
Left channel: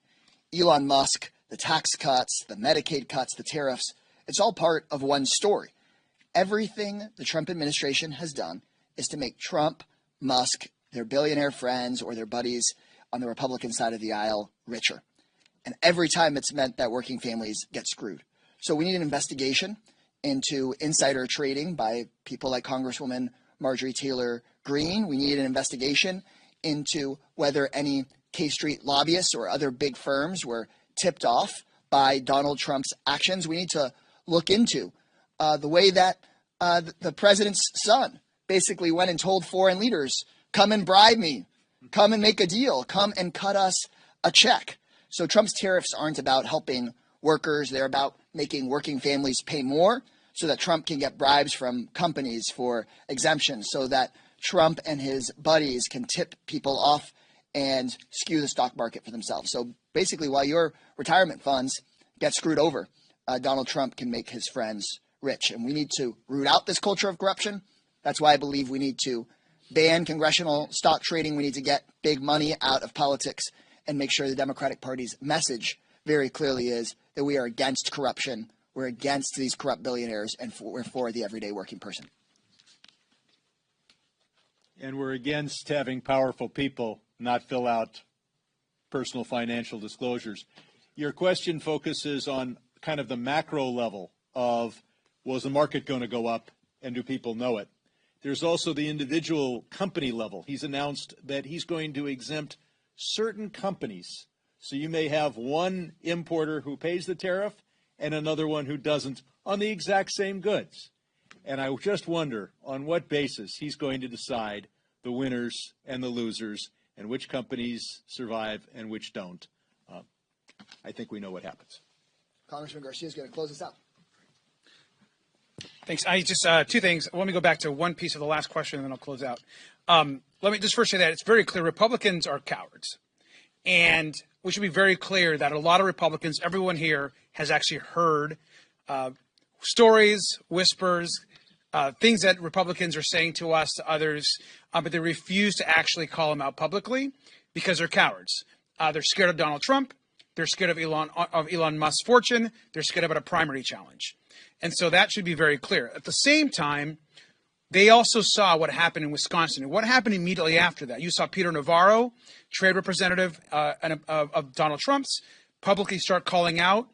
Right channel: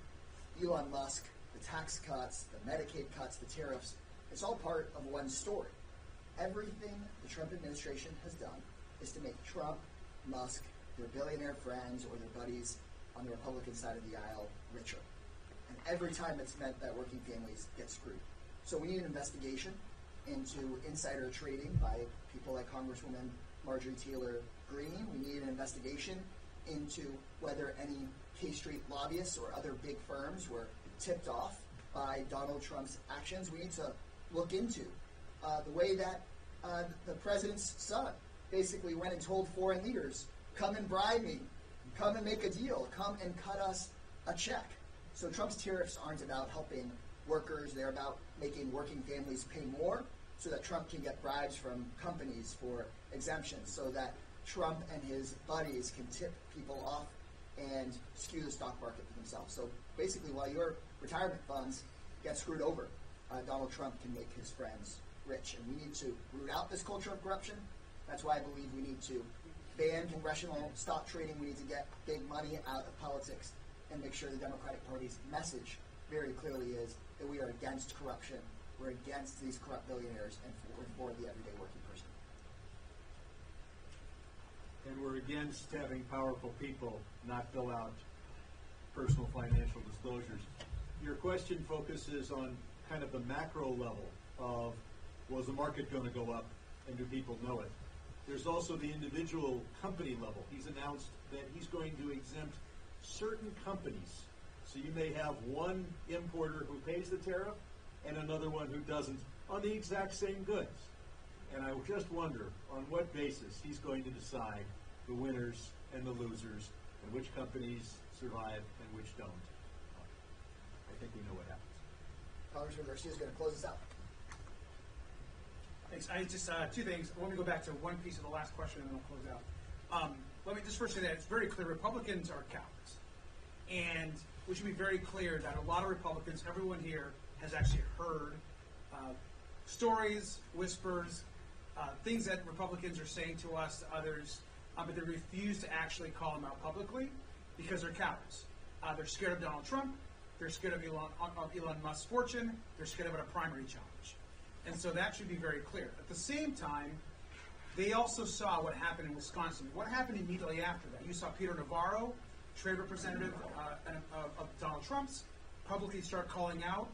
Elon Musk, the tax cuts, the Medicaid cuts, the tariffs, it's all part of one story. Everything the Trump administration has done is to make Trump, Musk, their billionaire friends or their buddies on the Republican side of the aisle richer. And every time it's meant that working families get screwed. So we need an investigation into insider trading by people like Congresswoman Marjorie Taylor Greene. We need an investigation into whether any K Street lobbyists or other big firms were tipped off by Donald Trump's actions. We need to look into the way that the president's son basically went and told foreign leaders, come and bribe me, come and make a deal, come and cut us a check. So Trump's tariffs aren't about helping workers. They're about making working families pay more. so that Trump can get bribes from companies for exemptions, so that Trump and his buddies can tip people off and skew the stock market for themselves. So basically, while your retirement funds get screwed over, Donald Trump can make his friends rich. And we need to root out this culture of corruption. That's why I believe we need to ban congressional stock trading. We need to get big money out of politics and make sure the Democratic Party's message very clearly is that we are against corruption, we're against these corrupt billionaires, and we're for the everyday working person. And we're against having powerful people not fill out personal financial disclosures. Your question focuses on kind of the macro level of, well, is the market going to go up, and do people know it? There's also the individual company level. He's announced that he's going to exempt certain companies. So you may have one importer who pays the tariff and another one who doesn't on the exact same goods. And I just wonder on what basis he's going to decide the winners and the losers and which companies survive and which don't. I think we know what happens. Congressman Garcia is going to close this out. Thanks. I just two things. Let me go back to one piece of the last question, and then I'll close out. Let me just first say that it's very clear Republicans are cowards, and we should be very clear that a lot of Republicans, everyone here, has actually heard stories, whispers, things that Republicans are saying to us, to others, but they refuse to actually call them out publicly because they're cowards. They're scared of Donald Trump. They're scared of Elon Musk's fortune. They're scared about a primary challenge. And so that should be very clear. At the same time, they also saw what happened in Wisconsin. And what happened immediately after that? You saw Peter Navarro, trade representative of Donald Trump's, publicly start calling out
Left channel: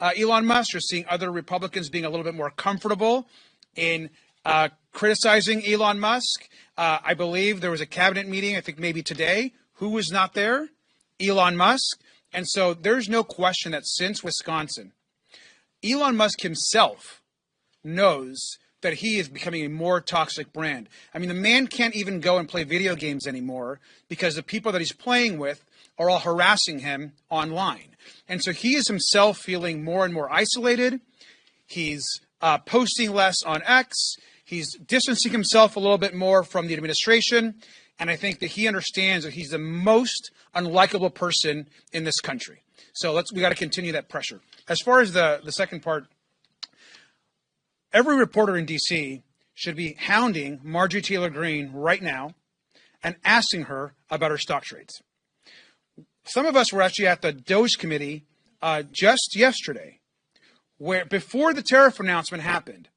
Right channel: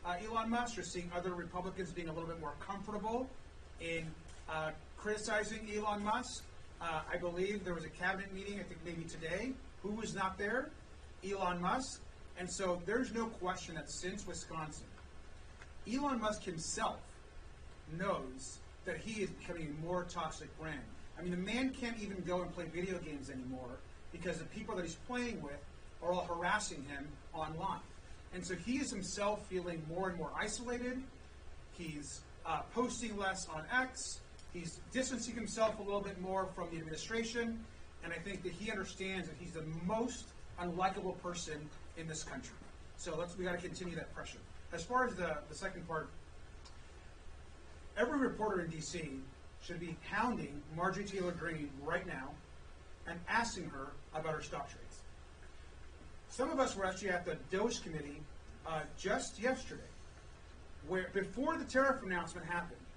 Elon Musk. You're seeing other Republicans being a little bit more comfortable in criticizing Elon Musk. I believe there was a cabinet meeting, I think maybe today. Who was not there? Elon Musk. And so there's no question that since Wisconsin, Elon Musk himself knows that he is becoming a more toxic brand. I mean, the man can't even go and play video games anymore because the people that he's playing with are all harassing him online. And so he is himself feeling more and more isolated. He's posting less on X. He's distancing himself a little bit more from the administration. And I think that he understands that he's the most unlikable person in this country. So we got to continue that pressure. As far as the second part, every reporter in D.C. should be hounding Marjorie Taylor Greene right now and asking her about her stock trades. Some of us were actually at the Doge committee just yesterday, where before the tariff announcement happened,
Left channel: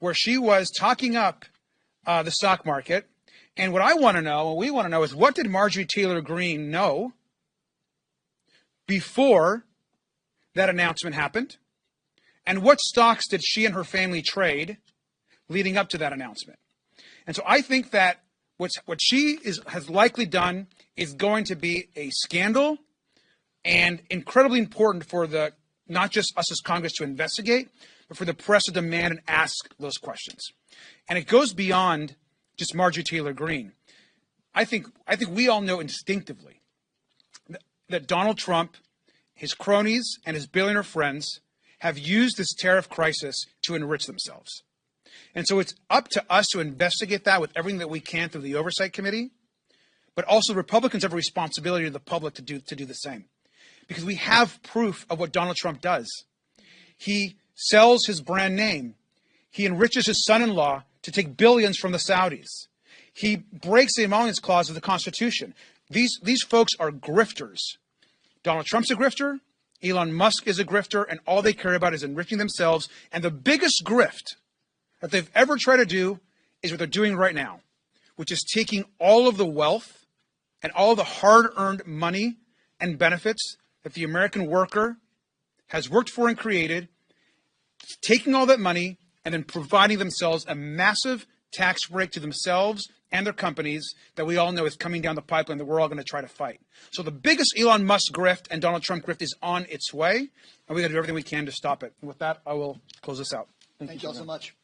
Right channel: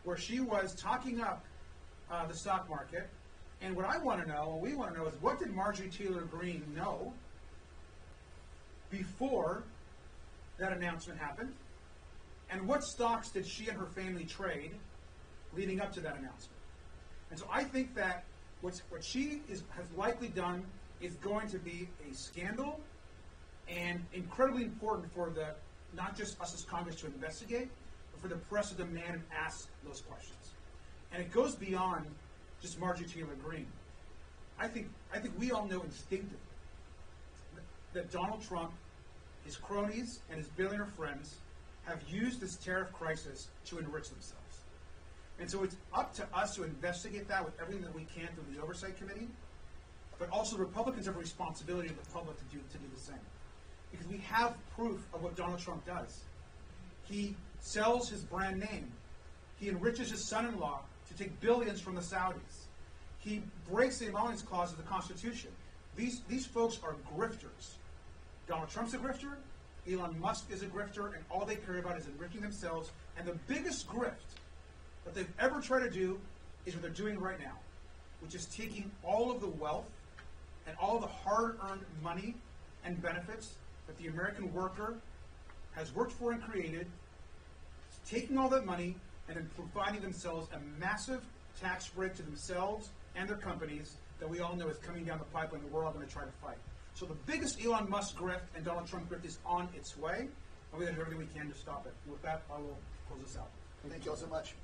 where she was talking up the stock market. And what I want to know, what we want to know, is what did Marjorie Taylor Greene know before that announcement happened? And what stocks did she and her family trade leading up to that announcement? And so I think that what she has likely done is going to be a scandal and incredibly important for not just us as Congress to investigate, but for the press to demand and ask those questions. And it goes beyond just Marjorie Taylor Greene. I think we all know instinctively that Donald Trump, his cronies, and his billionaire friends have used this tariff crisis to enrich themselves. And so it's up to us to investigate that with everything that we can through the Oversight Committee, but also Republicans have a responsibility to the public to do the same. Because we have proof of what Donald Trump does. He sells his brand name. He enriches his son-in-law to take billions from the Saudis. He breaks the emoluments clause of the Constitution. These folks are grifters. Donald Trump's a grifter. Elon Musk is a grifter, and all they care about is enriching themselves. And the biggest grift that they've ever tried to do is what they're doing right now, which is taking all of the wealth and all the hard-earned money and benefits that the American worker has worked for and created, taking all that money and then providing themselves a massive tax break to themselves and their companies that we all know is coming down the pipeline that we're all going to try to fight. So the biggest Elon Musk grift and Donald Trump grift is on its way, and we got to do everything we can to stop it. And with that, I will close this out. Thank you all so much.